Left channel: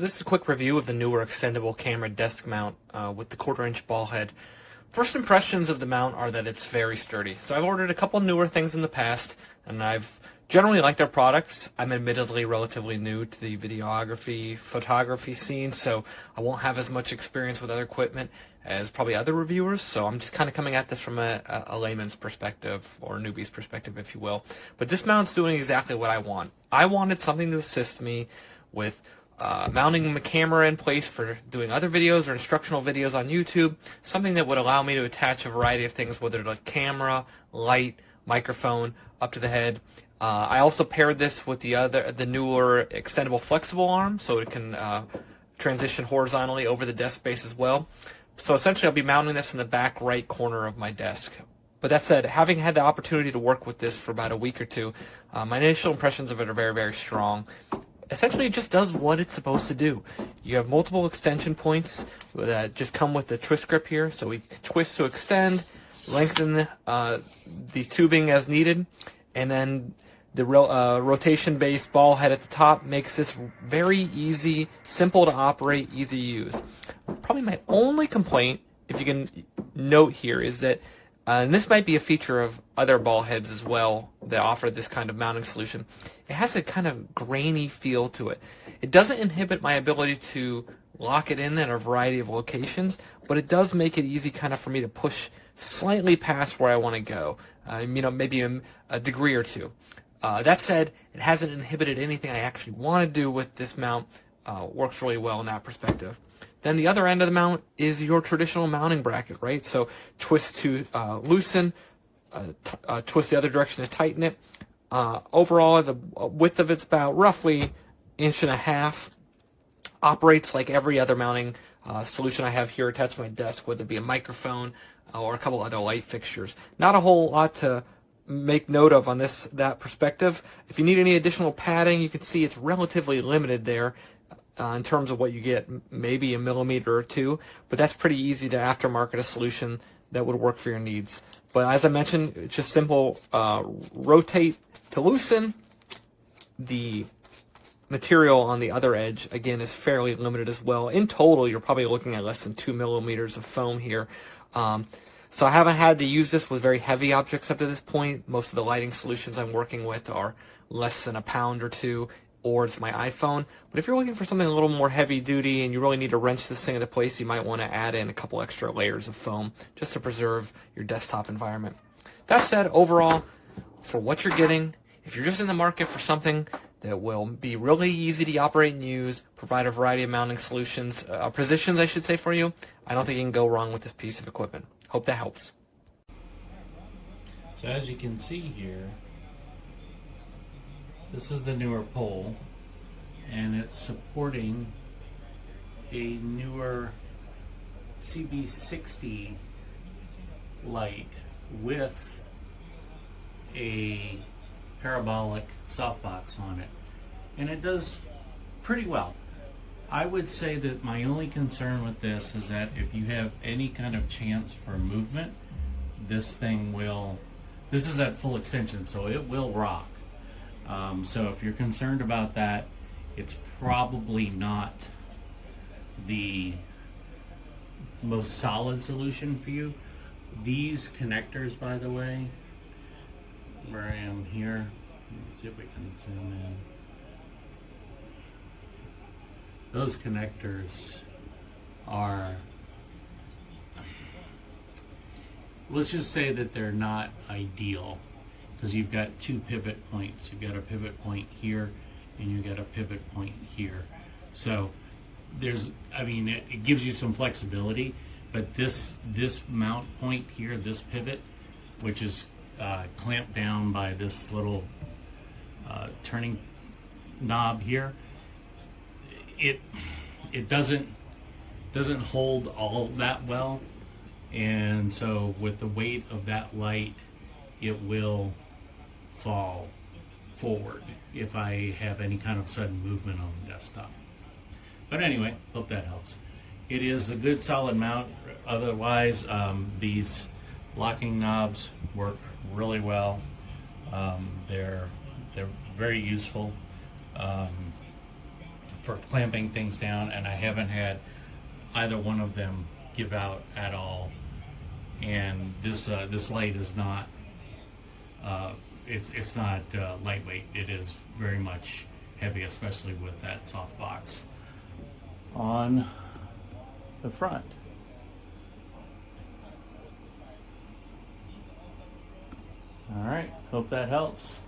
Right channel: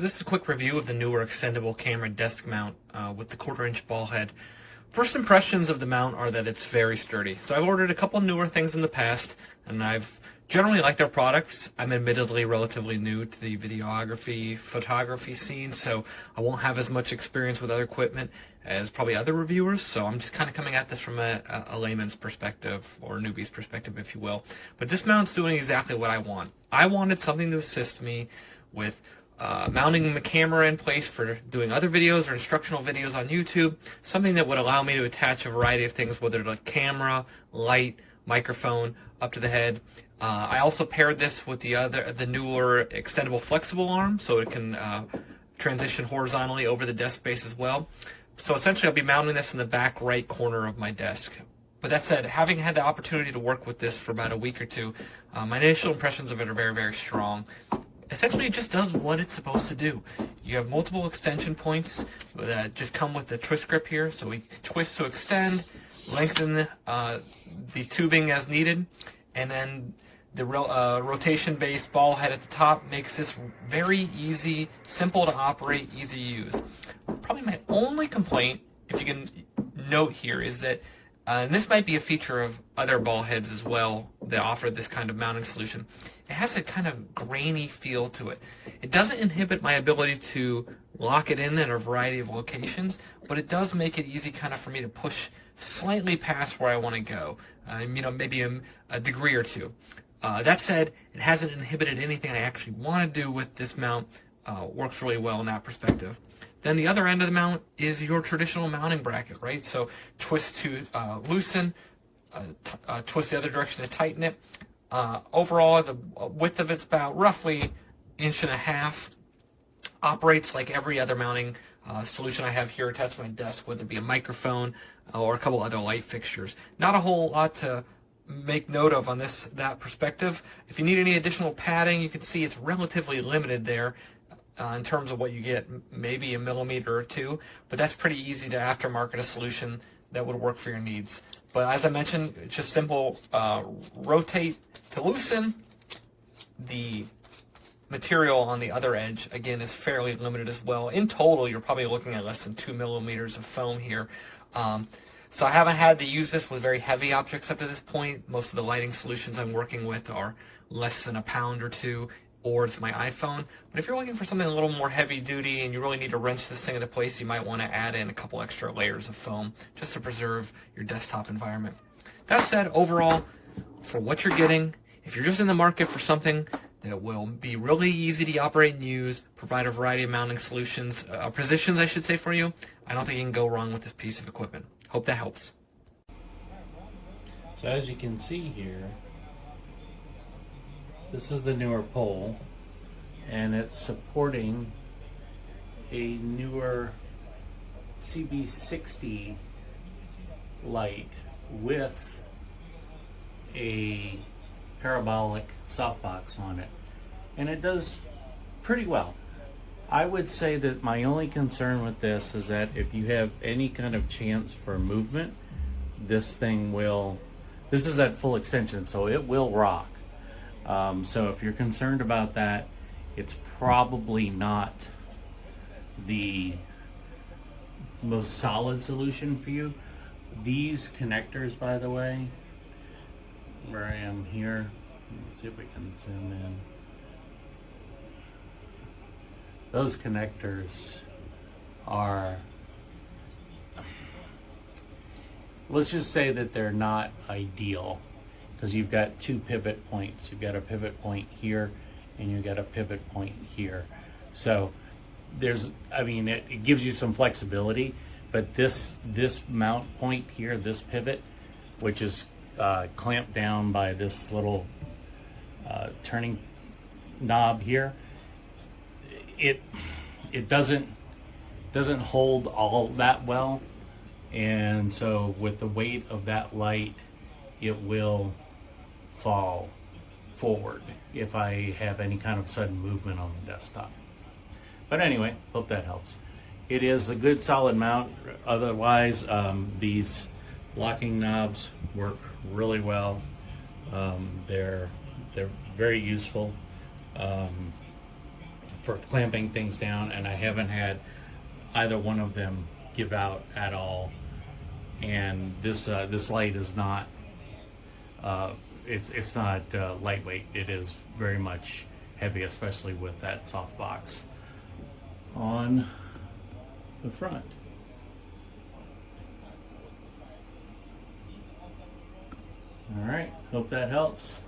So this is a quick review of the newer extendable camera desk mount with the 1/4-inch ball head. First impressions of the mount are that it's very sturdy. So I've ordered a couple newer things in the past, and I've generally liked their products. I'm admittedly relatively new to the videography, photography scene, so I won't have as much experience with other equipment as probably other reviewers, so I'm just kind of coming at this from a layman's perspective, or a newbie's perspective, if you will. But this mount's doing exactly what I want. I wanted something to assist me with mounting my camera in place for doing other videos or instructional videos on YouTube, something that would allow me to attach a variety of things, whether it's camera, light, microphone, up to the head. I also paired this with the newer extendable flexible arm, so it can transition horizontally over the desk space as well. So essentially I'll be mounting this in the back right corner of my desk. But that said, having had the opportunity to work with this for about a week or two, my initial impressions of it are very, very strong. Essentially, it just does what it's supposed to do. You have multiple extension points that just come with the twist grip here, so we can twist to extend, lengthen the tubing as needed, and then the rotation-based ball head at the top makes this very easy, simple to operate, easy to use. Probably my only complaint, if you can note here, is that and this might be a feature of other ball heads as well that offer this kind of mounting solution. It has a kind of grainy feel to it. It doesn't inhibit my ability to lock it in at a variety of locations, but it does make it easy kind of for me to push slightly past where I want to go, maybe a degree or two. That said, it hasn't inhibited anything I actually want to do with this mount. Works really well in that perspective. Then the other end of the mount is your traditional mounting bracket, right? So twist to loosen, twist the other direction to tighten it. Overall, the width of it's about roughly 1.5 inches. Operates like every other mounting solution I have here attached to my desk, whether it be a microphone or a couple other light fixtures. Not a whole lot to make note of on that perspective. If you need any additional padding, you can see it's relatively limited there. In terms of what you get, maybe 1 millimeter or 2, but that's pretty easy to aftermarket a solution that would work for your needs. But as I mentioned, it's just simple, rotate to loosen. The material on the other edge, again, is fairly limited as well. In total, you're probably looking at less than 2 millimeters of foam here. So I haven't had to use this with very heavy objects up to this point. Most of the lighting solutions I'm working with are less than 1 pound or 2, or it's my iPhone. But if you're looking for something a little more heavy duty and you really need to wrench this thing into place, you might want to add in a couple extra layers of foam just to preserve your desktop environment. That said, overall, for what you're getting, if you're just in the market for something that will be really easy to operate and use, provide a variety of mounting solutions, positions I should say for you, I don't think you can go wrong with this piece of equipment. Hope that helps. So as you can see here, this is the newer pole, and it's supporting a newer CB60 light with a parabolic softbox on it, and it does pretty well. I would say that my only concern with this is that if you have any kind of chance for movement, this is at full extension, so it will rock. So if you're concerned about that, it's probably not the most solid solution for you. These connectors, by the way, where I am here, let's see if we can zoom in. Those connectors are, let's just say that they're not ideal, because you've got 2 pivot points. You've got a pivot point here and you've got a pivot point here. So it gives you some flexibility, but this mount point here, this pivot, which is clamped down by this little turning knob here, it doesn't hold all that well, and so with the weight of that light, it will fall forward if I have any kind of sudden movement on the desktop. But anyway, hope that helps. It is a good solid mount. Otherwise, these locking knobs work really well. They're very useful. for clamping things down, and I haven't had either one of them give out at all. And this light is not it's not lightweight. It is very much heavy, especially with that softbox on the front. All right, hope that helps.